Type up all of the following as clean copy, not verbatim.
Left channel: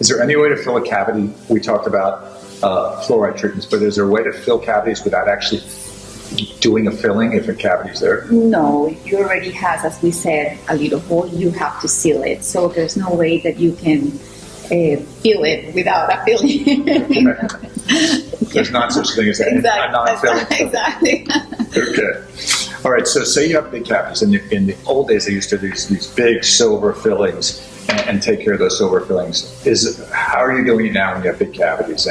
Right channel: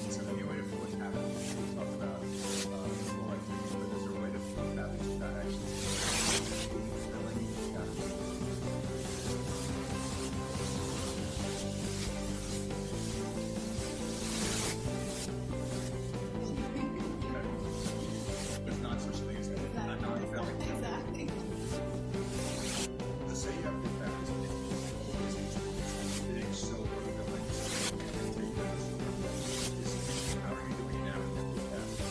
Is there any way to fill a cavity? We talked about fluoride treatments, but is there a way to fill cavities without actually doing a filling if a cavity's there? No, it already has, as we said, a little hole. You have to seal it. So there's no way that you can fill it without a filling. There's not such thing as a non-filling. Exactly. Okay. All right, so say you have big cavities. In the old days, they used to do these big silver fillings and take care of those silver fillings. How are you doing it now when you have big cavities?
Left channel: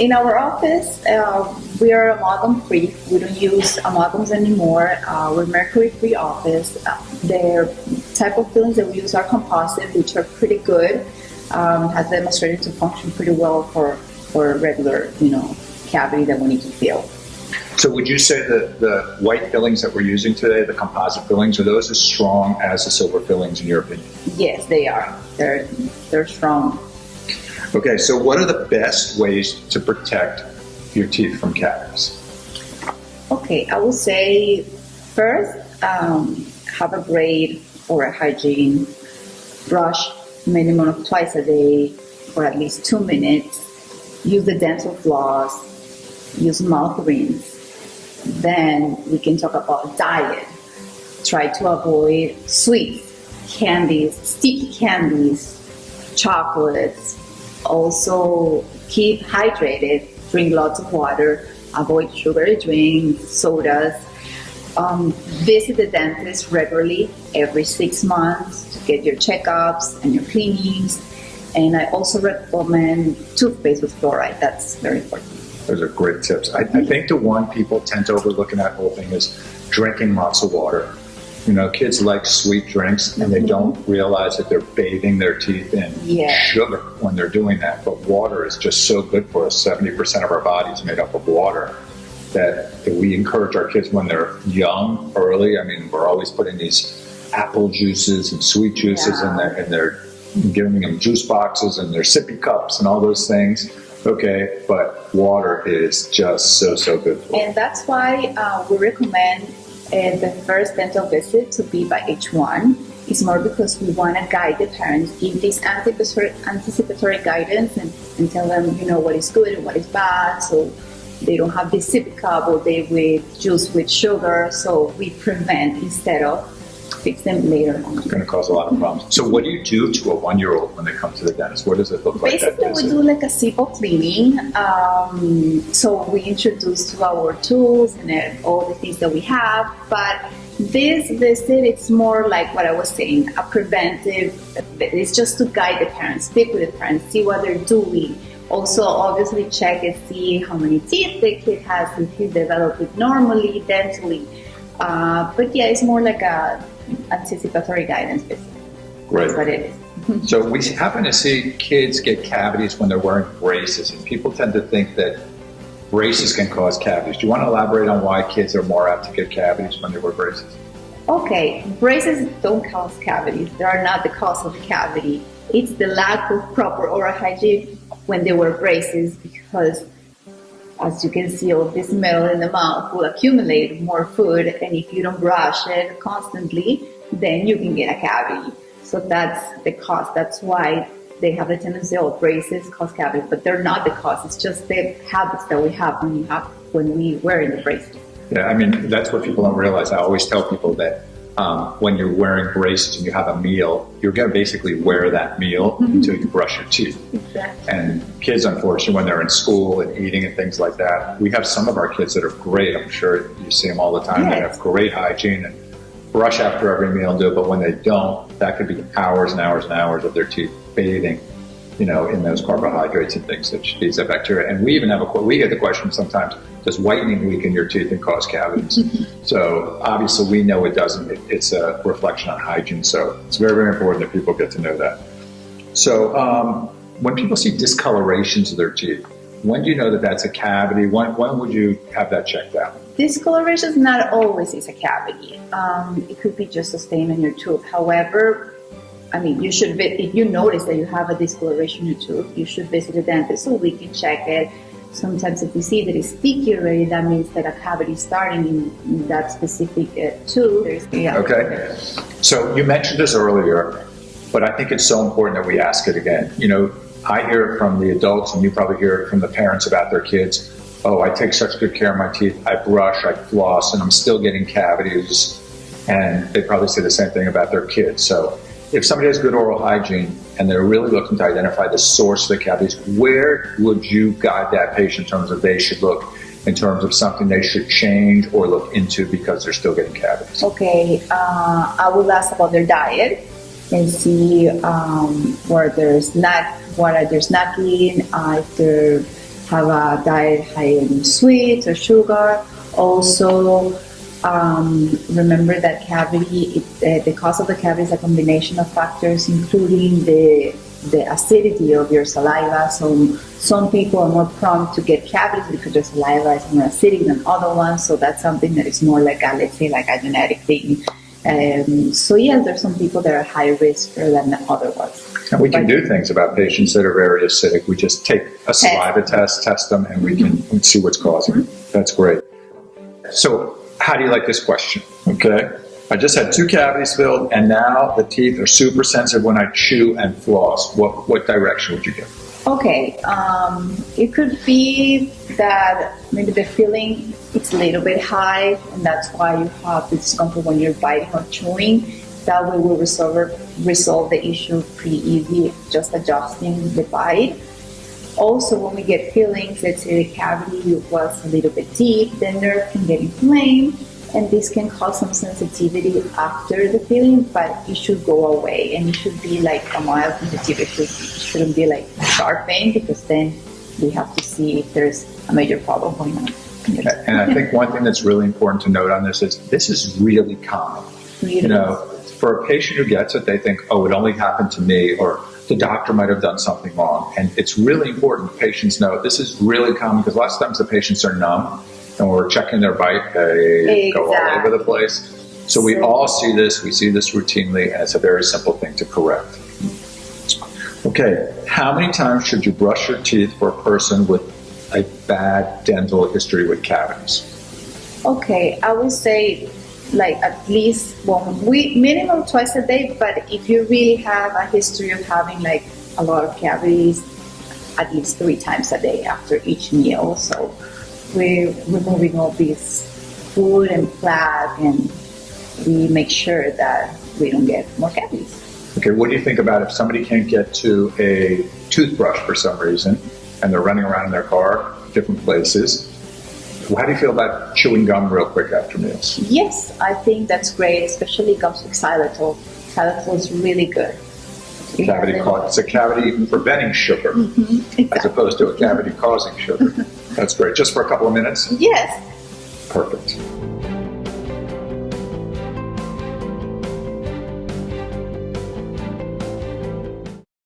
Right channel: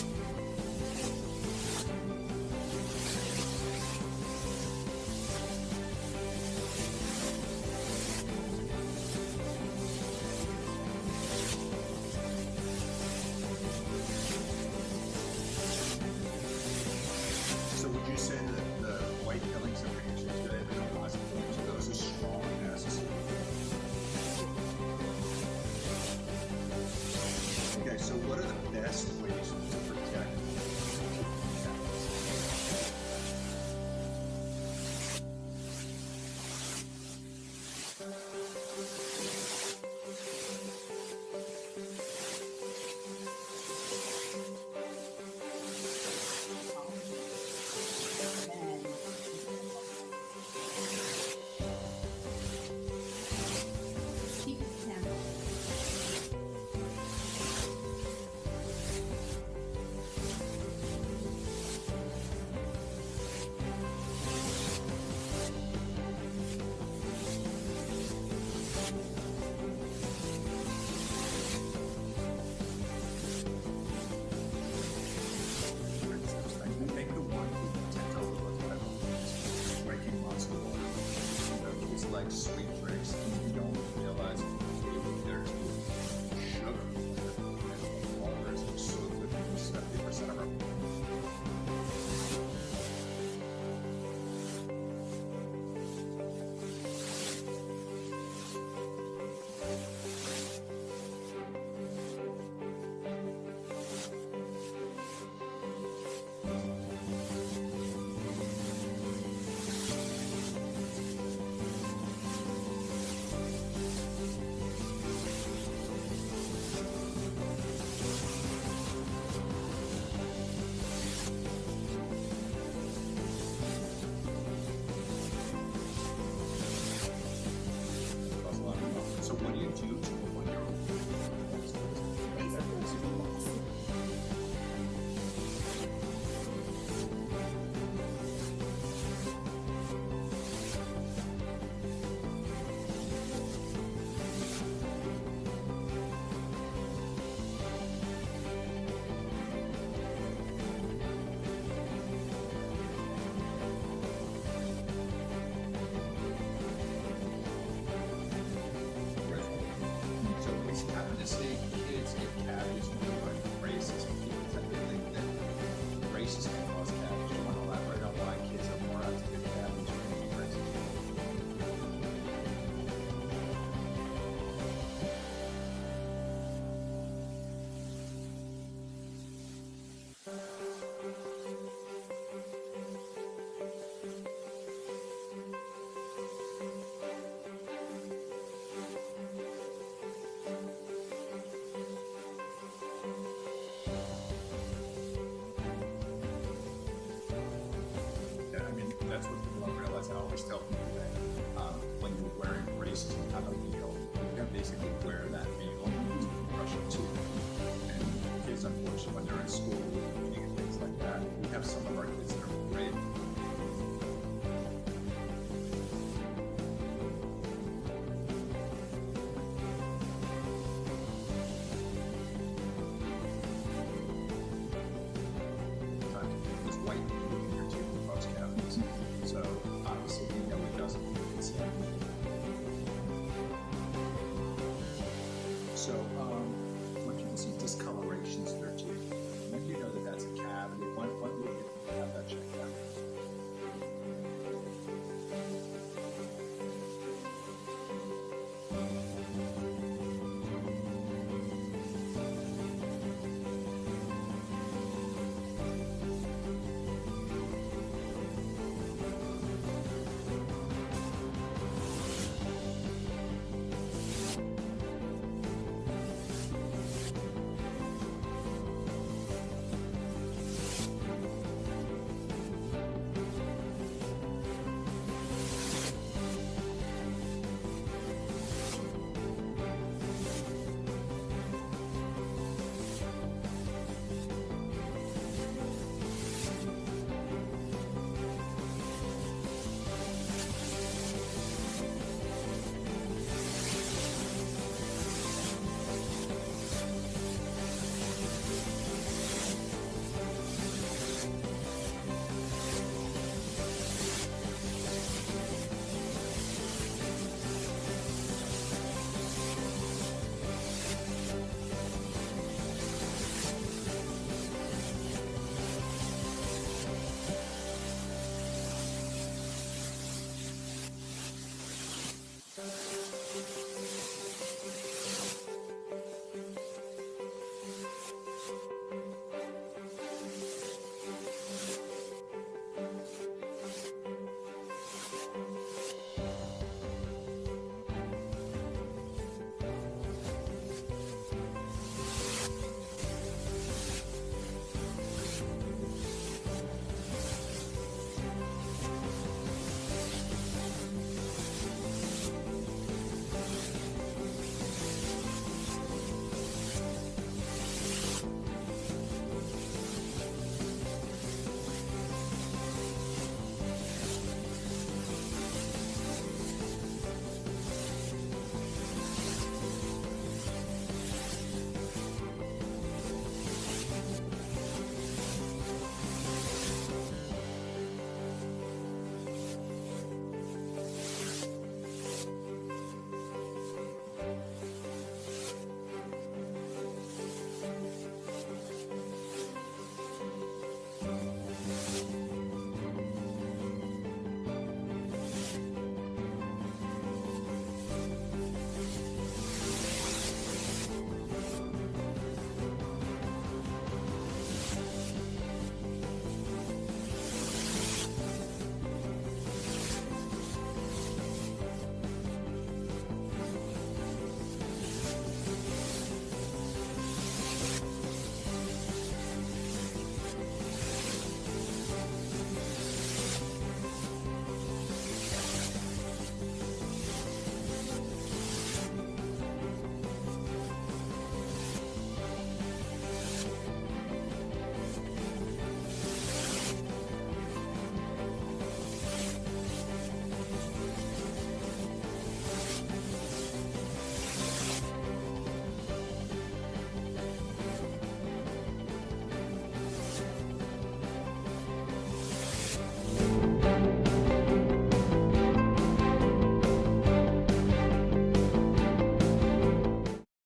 In our office, we are amalgam free. We don't use amalgams anymore. We're mercury free office. The type of fillings that we use are composite, which are pretty good. Has demonstrated to function pretty well for a regular, cavity that we need to fill. So would you say that the white fillings that we're using today, the composite fillings, are those as strong as the silver fillings in your opinion? Yes, they are. They're strong. Okay, so what are the best ways to protect your teeth from cavities? Okay, I would say first, have a great oral hygiene. Brush minimum of twice a day for at least 2 minutes. Use the dental floss. Use mouth rinse. Then we can talk about diet. Try to avoid sweets, candies, sticky candies, chocolates. Also keep hydrated, drink lots of water, avoid sugary drinks, sodas. Visit the dentist regularly every 6 months to get your checkups and your cleanings. And I also recommend toothpaste with fluoride. That's very important. Those are great tips. I think the one people tend to overlook in that whole thing is drinking lots of water. Kids like sweet drinks and they don't realize that they're bathing their teeth in sugar when they're doing that. But water is just so good for us. 70% of our body is made up of water that we encourage our kids when they're young, early. We're always putting these apple juices and sweet juices in there, and they're giving them juice boxes and their sippy cups and all those things. Okay, but water is just so good for And that's why we recommend the first dental visit to be by age 1. It's more because we want to guide the parents, give this anticipatory guidance and tell them, what is good and what is bad. So they don't have this sippy cup all day with juice with sugar. So we prevent instead of fix them later on. It's going to cause a lot of problems. So what do you do to a 1-year-old when they come to the dentist? What does it look like? Basically, we do like a simple cleaning. So we introduce to our tools and all the things that we have. But this visit, it's more like what I was saying, a preventive. It's just to guide the parents, speak with the parents, see what they're doing. Also, obviously, check and see how many teeth the kid has, if he developed it normally, dentally. But yeah, it's more like a anticipatory guidance. Right. That's what it is. So we happen to see kids get cavities when they're wearing braces. And people tend to think that braces can cause cavities. Do you want to elaborate on why kids are more apt to get cavities when they wear braces? Okay, braces don't cause cavities. They are not the cause of the cavity. It's the lack of proper oral hygiene when they wear braces, because as you can see, all this metal in the mouth will accumulate more food, and if you don't brush it constantly, then you can get a cavity. So that's the cause. That's why they have the tendency, braces cause cavities, but they're not the cause. It's just the habits that we have when we wear the braces. Yeah, that's what people don't realize. I always tell people that when you're wearing braces and you have a meal, you're going to basically wear that meal until you brush your teeth. Exactly. And kids, unfortunately, when they're in school and eating and things like that, we have some of our kids that are great. I'm sure you see them all the time. They have great hygiene and brush after every meal and do it. But when they don't, that could be hours and hours and hours of their teeth bathing, in those carbohydrates and things that feeds that bacteria. And we even we get the question sometimes, does whitening weaken your teeth and cause cavities? So obviously we know it doesn't. It's a reflection on hygiene. So it's very, very important that people get to know that. So when people see discolorations of their teeth, when do you know that that's a cavity? When would you have that checked out? Discoloration is not always a cavity. It could be just a stain on your tooth. However, you should, if you notice that you have a discoloration in your tooth, you should visit the dentist so we can check it. Sometimes if we see that it's sticky already, that means that a cavity is starting in that specific tooth. Okay. So you mentioned this earlier. But I think it's so important that we ask it again. You know, I hear it from the adults, and you probably hear it from the parents about their kids. Oh, I take such good care of my teeth. I brush, I floss, and I'm still getting cavities. And they probably say the same thing about their kids. So if somebody has good oral hygiene and they're really looking to identify the source of the cavities, where would you guide that patient in terms of they should look, in terms of something they should change or look into because they're still getting cavities? Okay, I will ask about their diet and see what are they snacking, if they have a diet high in sweets or sugar. Also, remember that cavity, the cause of the cavity is a combination of factors, including the acidity of your saliva. So some people are more prone to get cavities because their saliva is more acidic than other ones. So that's something that is more like a, let's say, like a genetic thing. So yes, there's some people that are high risk than the other ones. And we can do things about patients that are very acidic. We just take a saliva test them, and we can see what's causing it. That's great. So how do you like this question? Okay. I just had 2 cavities filled, and now the teeth are super sensitive when I chew and floss. What direction would you give? Okay. It could be that maybe the filling it's a little bit high, and that's why you have the discomfort when you're biting or chewing. That way we'll resolve the issue pretty easy, just adjusting the bite. Also, when we get fillings, let's say the cavity was a little bit deep, the nerve can get inflamed, and this can cause some sensitivity after the filling, but it should go away, and it should be like a mild sensitivity. It shouldn't be like sharp pain, because then we have to see if there's a major problem going on. And I think one thing that's really important to note on this is really common. You know, for a patient who gets it, they think, oh, it only happened to me, or the doctor might have done something wrong. And it's really important patients know this is really common, because lots of times the patients are numb and we're checking their bite, they go all over the place. So we all see this, we see this routinely, and it's a very simple thing to correct. Okay, how many times should you brush your teeth for a person with a bad dental history with cavities? Okay, I would say like at least minimum twice a day, but if you really have a history of having like a lot of cavities, at least 3 times a day after each meal. So we're removing all this food and fat, and we make sure that we don't get more cavities. Okay, what do you think about if somebody can't get to a toothbrush for some reason, and they're running around in their car, different places? How do you feel about chewing gum real quick after meals? Yes, I think that's great, especially gums with xylitol. Xylitol is really good. It's a cavity preventing sugar, exactly. As opposed to a cavity causing sugar. That's great. Just for a couple of minutes? Yes. Perfect.